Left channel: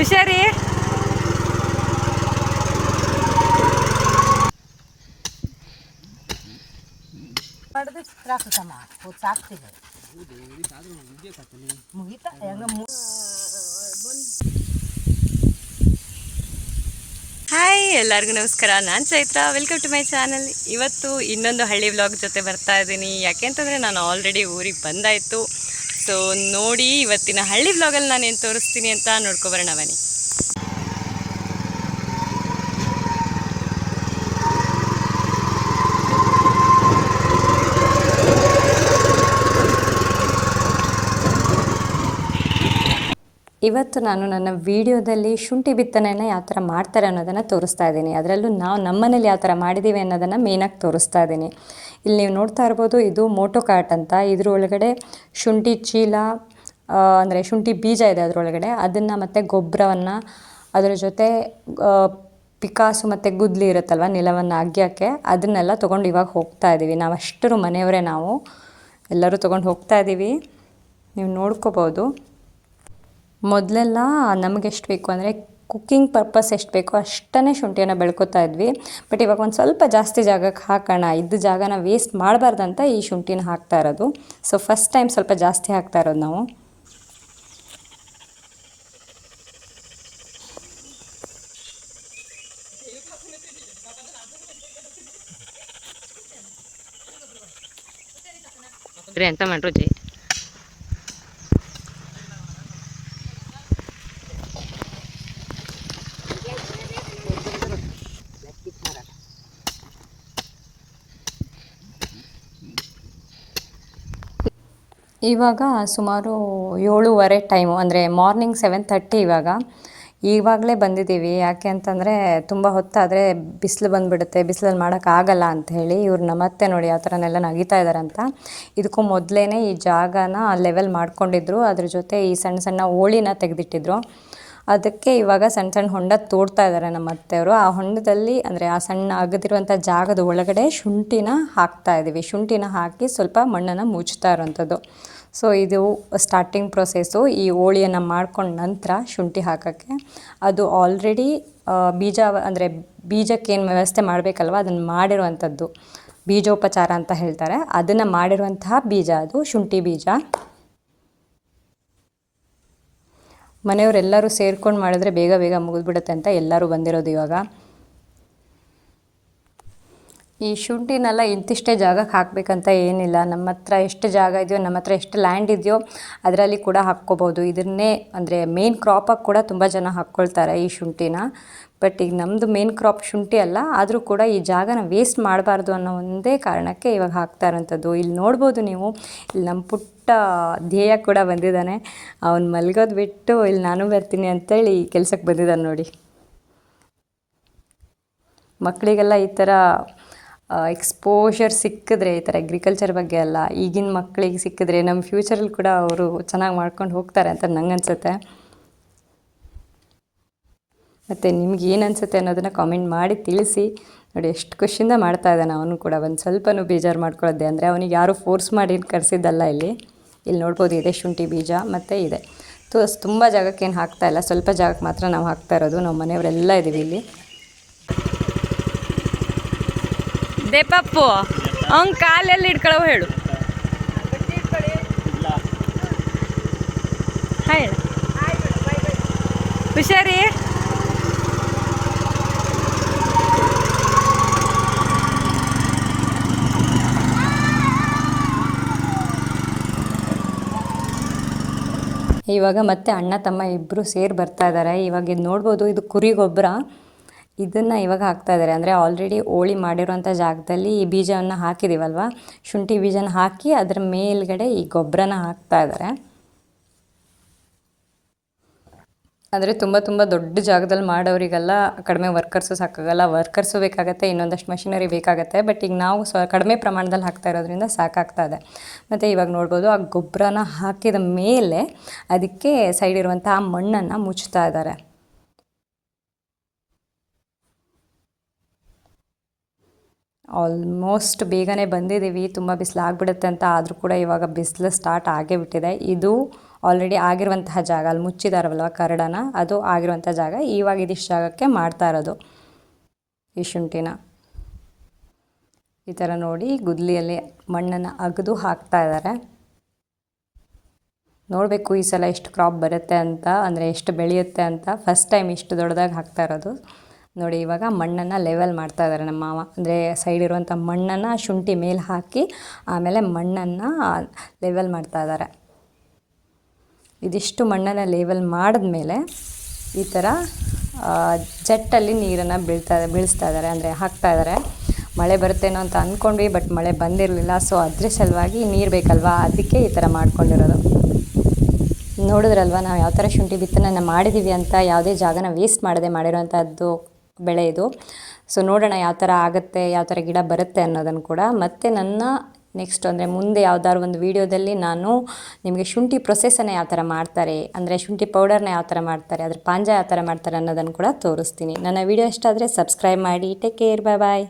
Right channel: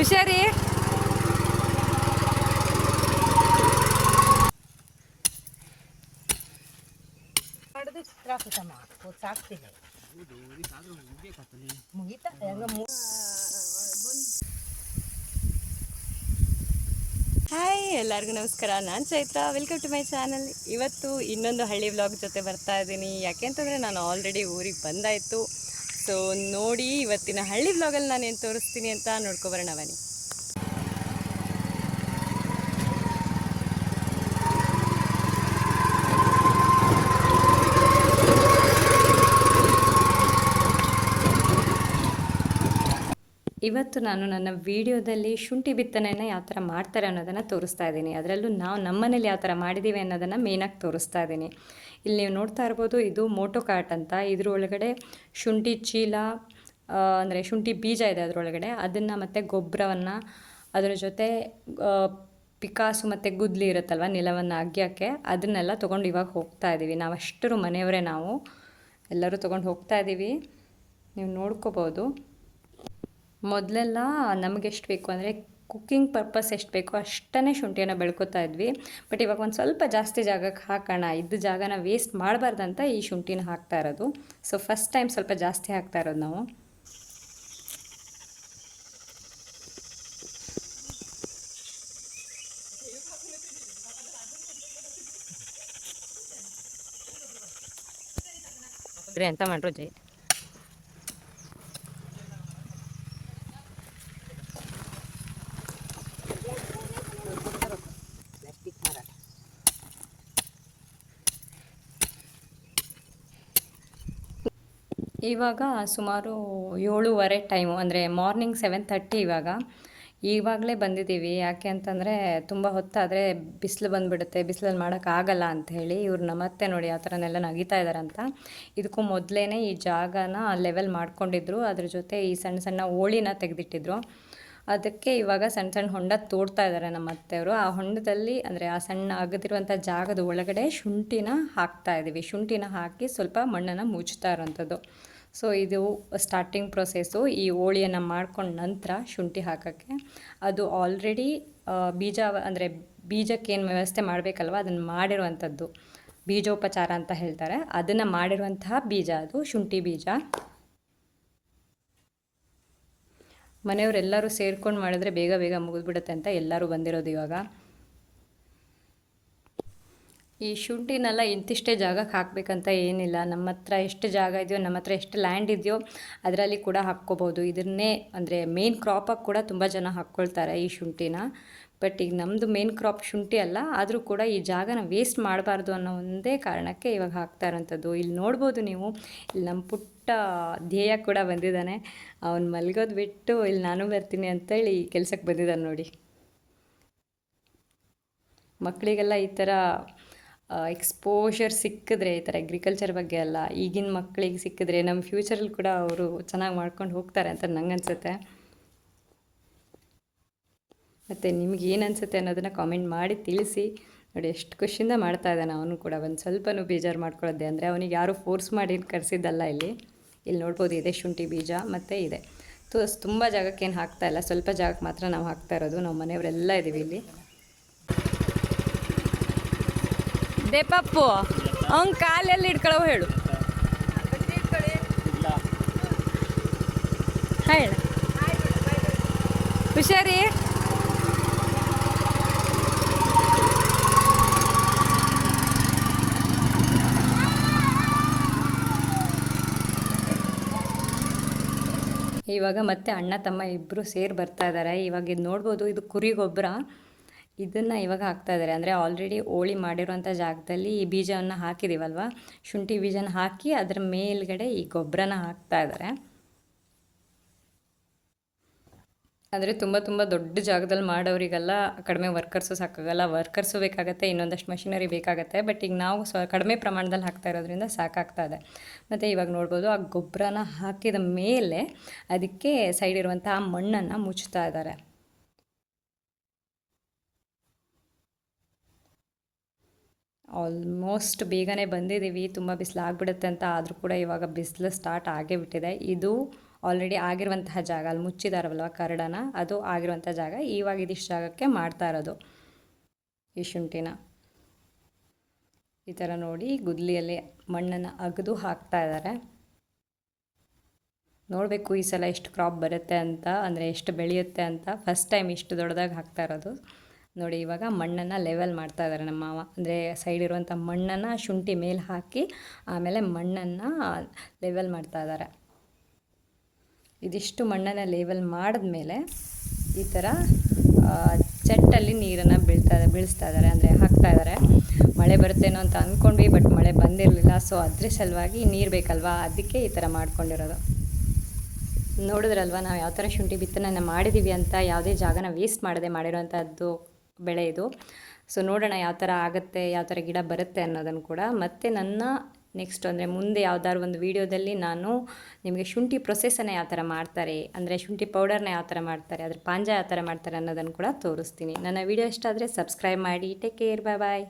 ಹುಷಾರಿ. Hi, ಎಲ್ಲರಿಗೂ ನಮಸ್ಕಾರ. ನಾನು Chaitra. Welcome to my channel. ಇವತ್ತು ಇನ್ನೊಂದು ಹಳ್ಳಿ ವ್ಲಾಗ್ ಜೊತೆ ಬರ್ತಾ ಇದ್ದೀನಿ. ಯಾಕೆಂತಂದರೆ ನಾನು ಆಲ್ರೆಡಿ ಊರಿಗೆ ಬಂದಾಯಿತು. ಸೊ ನೋಡಿ, ಇವತ್ತಿನ ಹಳ್ಳಿ ವ್ಲಾಗಲ್ಲಿ ನಾನು ಏನು ತೋರಿಸ್ತೀನಿ ಅಂತ ನೋಡ್ಕೊಬರೋಣ ಬನ್ನಿ. ಇವತ್ತು ನಾನು ನನ್ನ ವಿಡಿಯೋದಲ್ಲಿ ಶುಂಠಿ ಬಿತ್ತನೆಯನ್ನು ಯಾವ ಥರ ಮಾಡ್ತಾರೆ ಅನ್ನೋದನ್ನು ತೋರಿಸ್ತಾ ಇದ್ದೀನಿ. ಅದರಲ್ಲೂ ನಾವು ನಮ್ಮನೇಲಿ ಯಾವ ಥರ ಮಾಡಿದ್ದೀವಿ ಅನ್ನೋದನ್ನು ಮೇಯ್ನಾಗಿ ತೋರಿಸ್ತಾ ಇದ್ದೀನಿ. ಇಲ್ಲಿ ನೀವು ನೋಡ್ತಾ ಇರ್ಬೋದು, ಇದು ಮೋಟೋ ಕಾರ್ಟ್ ಅಂತ. ಇದ್ರೊಳಗಡೆ ಶುಂಠಿ ಚೀಲ, ಅಂದರೆ ಶುಂಠಿ ಬೀಜ ಇದೆ ಅದರೊಳಗಡೆ. ಅದನ್ನು ಮತ್ತು ಗೊಬ್ಬರವನ್ನು, ಅದರ ಜೊತೆ ಪಿಕಾಸು ಮತ್ತು ಗುದ್ಲಿ ಇರುತ್ತಲ್ವ, ನೆಲವನ್ನು ಅಗ್ಯೋಕ್ಕೆ, ಅದನ್ನೆಲ್ಲ ತೊಗೊಂಡು ಇವಾಗ ಹೋಗ್ತಾ ಇದ್ದೀವಿ. ನಾವು ಅಷ್ಟರು ಮನೆಯವರೇ, ನಾವು ಎಲ್ಲರೂ ತೊಗೊಂಡು ಹೋಗ್ತಾ ಇದ್ದೀವಿ. ನೀವು ನೋಡ್ಕೋಬೋದು. ಮೊದಲೆಲ್ಲ ನಮಗೆ ಎಷ್ಟು ಬೇಕು ಅಂದರೆ ಕುಕ್ಕಿಂಗ್ ಪರ್ಪಸ್ ಎಷ್ಟು ಬೇಕೋ ಅಷ್ಟೇ ಶುಂಠಿಯನ್ನು ಬೆಳ್ಕೊತಾ ಇದ್ವಿ. ಬಟ್ ಇವಾಗ ಒಂದು ಸ್ವಲ್ಪ ಜಾಸ್ತಿ ಜಾಗಕ್ಕೆ ಹಾಕೋಣ, ಇದ್ದ ಜಾಗನ ವೇಸ್ಟ್ ಮಾಡಬಾರ್ದಂತ ಈ ಶುಂಠಿನ ಹಾಕ್ತಾ ಇರೋದು. ಸೊ ಫಸ್ಟ್ ಟೈಮ್ ಸ್ವಲ್ಪ ಜಾಸ್ತಿ ಹಾಕ್ತಾ ಇರೋದು ನಾವು. ಅಂತ ಮಾಡ್ರಿ. ಇವಾಗ ಸುಮಾರು 7:30 ಟೈಮು, ಅಂದರೆ ಮಾರ್ನಿಂಗ್ 7:30. ಇವಾಗಲೇ ಬಂದಿದ್ದೀವಿ. ಯಾಕೆ ಅಂತಂದರೆ ತುಂಬ ಹೊತ್ತಾದರೆ ಬಿಸಿಲು ಬಂದುಬಿಡುತ್ತೆ, ಬಿಸಿಲಲ್ಲಿ ಮಾಡೋಕ್ಕಾಗಲ್ಲ ಅಂಥೇಳಿ ಇವ್ರು ನಮ್ಮತ್ತೆ ನೋಡಿ ಆ ಥರನೆಲ್ಲ ನಗಿತಾ ಇದ್ದಾರೆ ಅಂತ. ಇದಕ್ಕೂ ಮೊದಲೇ ಈ ಜಾಗನ ಲೆವೆಲ್ ಮಾಡ್ಕೊಂಡಿದ್ರು. ಅದ್ರ ಜೊತೆ ಈ ಸಣ್ಣ ಸಣ್ಣ ಓಳಿನ ತೆಗೆದಿಟ್ಟಿದ್ರು. ಅದಕ್ಕೆ ಇವಾಗ ಸಣ್ಣ ಸಣ್ಣ ಹೊಂಡ ತೋಡ್ತಾ ಇದ್ದಾರೆ ನಮ್ಮ ಅತ್ತೆಯವರು. ಆ ಹೊಂಡದಲ್ಲಿ, ಅಂದರೆ ಆ ಸಣ್ಣ ಅಗದಿರುವಂಥ ಜಾಗದ ಒಳಗಡೆ ಶುಂಠಿನ ಹಾಕ್ತಾ ಇದ್ದೀವಿ. ಶುಂಠಿನ ಹಾಕಿ ಸ್ವಲ್ಪ ಮಣ್ಣನ್ನು ಮುಚ್ತಾ ಇರೋವಂಥದ್ದು. ಸೊ ಇದು ಸ್ಟಾರ್ಟಿಂಗ್ ಪ್ರೊಸೆಸ್ಸು. ಈ ಹೋಳಿಯನ್ನು ಮಾಡ್ಕೊಂಡ ನಂತರ ಶುಂಠಿ ಹಾಕೋಕ್ಕೆ, ಅದು ಆಲ್ರೆಡಿ ಬೀಜ, ಅಂದರೆ ಬೀಜಕ್ಕೇನು ವ್ಯವಸ್ಥೆ ಮಾಡಬೇಕಲ್ವ, ಅದನ್ನು ಮಾಡಿರುವಂಥದ್ದು ಬೀಜೋಪಚಾರ ಅಂತ ಹೇಳ್ತಾರೆ. ಅದನ್ನು ಮಾಡಿರುವಂತಹ ಬೀಜ ಅದು ಶುಂಠಿ ಬೀಜ. ಮನೆಯವರೆಲ್ಲರೂ ಸೇರ್ಕೊಂಡು ಮಾಡಿದ್ರೆ ಬೇಗ ಬೇಗ ಮುಗಿದ್ಬಿಡುತ್ತೆ ಅಂತ ಎಲ್ಲರೂ ಬಂದಿರೋದು ಇವಾಗ. ಈ ಶುಂಠಿನೆಲ್ಲ ಇಂತಿಷ್ಟೇ ಜಾಗಕ್ಕೆ ಹಾಕಬೇಕಂತ ಏನಿಲ್ಲ. ನಮ್ಮ ಹತ್ರ ಎಷ್ಟು ಜಾಗ ಇದೆಯೋ, ನಮ್ಮ ಹತ್ರ ಎಷ್ಟು ಲ್ಯಾಂಡ್ ಇದೆಯೋ ಅದರಲ್ಲಿ ಕೂಡ ಹಾಕ್ಕೋಬೋದು. ಇದನ್ನೇ ಅಂದರೆ ಮೇನ್ ಕ್ರಾಪಾಗಿ ಕೂಡ ತುಂಬ ಜನ ಹಾಕ್ಕೊಳ್ತಾರೆ ಈ ಶುಂಠಿನ. ಬಟ್ ಈಗ ನಮ್ಮದು ಮೇನ್ ಕ್ರಾಪ್ ಶುಂಠಿ ಅಲ್ಲ, ಆದರೂ ಕೂಡ ಈ ಜಾಗನ ವೇಸ್ಟ್ ಮಾಡಬಾರ್ದು ಅನ್ನೋ ಒಂದೇ ಕಾರಣಕ್ಕೆ ಇವಾಗ ಹಾಕ್ತಾ ಇರೋಂಥದ್ದು. ಇಲ್ಲಿ ನೋಡ್ಬೋದು ನೀವು, ಇಲ್ಲಿ ನಮ್ಮ ಪುಟ್ಟ ಧ್ಯೇಯ ಕೂಡ ಬಂದಿದ್ದಾನೆ. ಅವ್ನು ಮಲ್ಗೋದು ಬಿಟ್ಟು ಇಲ್ಲಿ ನಾನು ಬರ್ತೀನಿ ಅಂತೇಳಿ ಕೆಲಸಕ್ಕೆ ಬಂದಿದ್ದಾನೆ ನೋಡಿ. ಮಕ್ಕಳಿಗೆಲ್ಲ ಈ ಥರ ಎಕ್ಸ್ಪೋಷರ್ ಸಿಕ್ಕಿದ್ರೆ, ಈ ಥರ ಅಗ್ರಿಕಲ್ಚರ್ ಬಗ್ಗೆ ಎಲ್ಲ ಈಗಿನ ಮಕ್ಕಳಿಗೆ ಸಿಕ್ಕಿದ್ರೆ ನಮ್ಮ ಫ್ಯೂಚರಲ್ಲಿ ಕೂಡ ಅವರು ಚೆನ್ನಾಗಿ ಮಾಡ್ಕೊಂಡು ಹೋಗ್ತಾರೆ ಅಂತ ನಂಗೆ ಅನಿಸುತ್ತೆ. ಮತ್ತು ನಿಮ್ಗೆ ಏನು ಅನಿಸುತ್ತೆ ಅನ್ನೋದನ್ನು ಕಾಮೆಂಟ್ ಮಾಡಿ ತಿಳಿಸಿ. ನೋಡಿ ಎಷ್ಟು ಖುಷಿಯಿಂದ ಮಾಡ್ತಾ ಇದ್ದಾನೆ ಅವನು ಕೂಡ. ಒಂದು ಸ್ವಲ್ಪನೂ ಬೇಜಾರು ಮಾಡ್ಕೊಳ್ಳೋದೆ, ಅಂದರೆ ಅವನಿಗೆ ಯಾರೂ ಫೋರ್ಸ್ ಮಾಡಿ ಕರೆಸಿದ್ದಲ್ಲ. ಇಲ್ಲಿ ನೋಡ್ಬೋದು, ಇದೆ ಶುಂಠಿ ಬೀಜ ಮತ್ತು ಇದೆ. ತುಂಬ ಜಾಗಕ್ಕೇನು ಹಾಕ್ತಾಯಿಲ್ಲ, ಸ್ವಲ್ಪ ಜಾಗಕ್ಕೆ ಮಾತ್ರ ನಾವು ಹಾಕ್ತಾ ಇರೋದು. ನಾವು ಮನೆಯವರೆಲ್ಲ ಇದ್ದೀವಿ ಇಲ್ಲಿ. ದೇಪಪ್ಪು ಅವ್ನ ಕಾಲೆಲ್ಲಿ ಇಟ್ಕೊಳ್ಳೋ ಹೇಳು. ಹುಷಾರಿ. ಇವಾಗ ಮತ್ತೆ ಅಣ್ಣ ತಮ್ಮ ಇಬ್ಬರು ಸೇರಿ ಬರ್ತಾ ಇದ್ದಾರೆ. ಇವಾಗ ಇದು ನೋಡ್ಬೋದು, ಇದು ಕುರಿ ಗೊಬ್ಬರ. ಇದನ್ನು ಇವಾಗ ಹಾಕ್ತಾ ಇದ್ದಾರೆ. ಅಂದರೆ ಆಲ್ರೆಡಿ ಹೋಳಿ ಮಾಡಿರೋಂಥ ಜಾಗದಲ್ಲಿ ಈ ಬೀಜವನ್ನು ಹಾಕಿದ್ದೀವಲ್ವ, ಶುಂಠಿ ಬೀಜನ ಹಾಕಿ ಅದರ ಮೇಲ್ಗಡೆ ಈ ಗೊಬ್ಬರನ ಹಾಕ್ತಾ ಇದ್ದಾರೆ. ಅಂದರೆ ತುಂಬ ತುಂಬ ದೊಡ್ಡ ಜಾಗದಲ್ಲಿ ಮಾಡೋರಿಗೆಲ್ಲ ಕಡಿಮೆ ವರ್ಕರ್ಸು ಸಾಕಾಗಲ್ಲ. ವರ್ಕರ್ಸು ಬೇಕಾಗುತ್ತೆ, ಇನ್ನೊಂದಷ್ಟು ಮಷಿನರಿ ಬೇಕಾಗುತ್ತೆ. ಬಟ್ ಈಗ ನಾವು ಕಡಿಮೆ ಪ್ರಮಾಣದಲ್ಲಿ ಹಾಕ್ತಾ ಇರೋದ್ರಿಂದ ಸಾಕಾಗ್ತಾ ಇದೆ. ಮತ್ತು ಇವಾಗ ನೋಡ್ಬೋದು, ಆ ಗೊಬ್ಬರನ ಹಾಕಿದ ಮೇಲೆ ಅದಕ್ಕೆ ಸೈಡ್ ಇರುವಂಥ ಮಣ್ಣನ್ನು ಮುಚ್ತಾ ಇದ್ದಾರೆ. ಆಲ್ಮೋಸ್ಟ್ ಬೇಗನೆ ಬಂದಿದ್ದೀವಿ. ತುಂಬ ಬಿಸಿಲು ಆಗಿಬಿಡುತ್ತೆ ಅಂತ, ಆದರೂ ಕೂಡ ಇವಾಗ ಬಿಸಿಲು ಸ್ಟಾರ್ಟ್ ಆಗೇ ಬಿಟ್ಟಿದೆ. ಇದು ಆಲ್ರೆಡಿ ಆಗಿರುವಂತಹ ಜಾಗ, ಅಲ್ಲಿ ಮುಚ್ಚಿದಾರಲ್ವ ಕರಡನ, ಅದು ಆಗಿರುವಂಥ ಜಾಗ. ಇವಾಗ ಇದಿಷ್ಟು ಜಾಗಕ್ಕೆ ಮಾಡ್ತಾ ಇರೋದು ಈ ಶುಂಠಿನ. ಈ ಥರ ನೋಡಿ ಗುದ್ಲಿಯಲ್ಲಿ ಮಣ್ಣನ್ನು ಅಗೆದು ಹಾಕ್ತಾ ಇದ್ದಾರೆ. ನೋಡಬೇಕು ಈ ಸಲ ಎಷ್ಟು ಕ್ರಾಪ್ ಬರುತ್ತೆ ಅಂತ, ಅಂದರೆ ಎಷ್ಟು ಬೆಳೆಯುತ್ತೆ ಅಂತ. ಫಸ್ಟ್ ಟೈಮ್ ಇಷ್ಟು ದೊಡ್ಡದಾಗಿ ಹಾಕ್ತಾ ಇರೋದು ನೋಡಿ. ಇವಾಗ ಮಣ್ಣನ್ನು ಲೆವೆಲ್ ಮಾಡ್ತಾ ಇದ್ದಾರೆ ನಮ್ಮ ಮಾವ, ಅಂದರೆ ಸೈಡ್ ಇರುವಂಥ ಮಣ್ಣನ್ನು ಶುಂಠಿ ಮೇಲೆ ಹಾಕಿ ಆಮೇಲೆ ಮಣ್ಣನ್ನು ಲೆವೆಲ್ ಮಾಡ್ತಾ ಇದ್ದಾರೆ. ಇದಿಷ್ಟು ಮಣ್ಣನ್ನು ಲೆವೆಲ್ ಮಾಡಿದ್ಮೇಲೆ ಈ ಥರ ಚೆಟ್ಟಲ್ಲಿ ನೀರನ್ನು ಬೀಳಿಸ್ತಾ ಇದ್ದಾರೆ, ಅಂದರೆ ಹಾಕ್ತಾ ಇದ್ದಾರೆ. ಮಳೆ ಬರುತ್ತೇನೋ ಅಂತ ಅಂದ್ಕೊಂಡ್ವಿ, ಬಟ್ ಮಳೆ ಬಂದಿರಲಿಲ್ಲ. ಸೊ ಅದ್ರ ಸಲುವಾಗಿ ನೀರು ಬೇಕಲ್ವಾ, ಅದಕ್ಕೆ ಈ ಥರ ಮಾಡ್ಕೊಂಡಿರೋದು. ನೋಡಿದ್ರಲ್ವ ನಾವು ಯಾವ ಥರ ಶುಂಠಿ ಬಿತ್ತನೆ ಮಾಡಿದ್ದೀವಿ ಅಂತ. ಯಾವುದೇ ಜಾಗನ ವೇಸ್ಟ್ ಮಾಡದೆ ಮಾಡಿರೋವಂಥದ್ದು ಬೆಳೆ ಇದು. ಸೊ ನೋಡೋಣ ಯಾವ ಥರ ಆಗುತ್ತೆ, ಯಾವ ಥರ ಗಿಡ ಬರುತ್ತೆ ಅನ್ನೋದನ್ನು ಕೂಡ. ಮತ್ತು ನನ್ನ ನೆಕ್ಸ್ಟ್ ಅಂದರೆ ಮುಂದೆ ಯಾವ್ದಾದ್ರು ಒಂದು ವೀಡಿಯೋದಲ್ಲಿ ನಾನು ನಿಮಗೆ ಶುಂಠಿ ಪ್ರೊಸೆಸನ್ನು ಯಾವ ಥರ ಮಾಡ್ತಾರೆ, ಅಂದರೆ ಶುಂಠಿ ಪೌಡರ್ನ ಯಾವ ಥರ ಮಾಡ್ತಾರೆ, ಅದ್ರ ಪಾಂಜ ಯಾವ ಥರ ಮಾಡ್ತಾರೆ ಅನ್ನೋದನ್ನು ಕೂಡ ತೋರಿಸ್ತೀನಿ. ನನ್ನ ವೀಡಿಯೋ ಇಷ್ಟ ಆದರೆ ಸಬ್ಸ್ಕ್ರೈಬ್ ಮಾಡಿ. ಟೇಕ್ ಕೇರ್, ಬಾಯ್ ಬಾಯ್.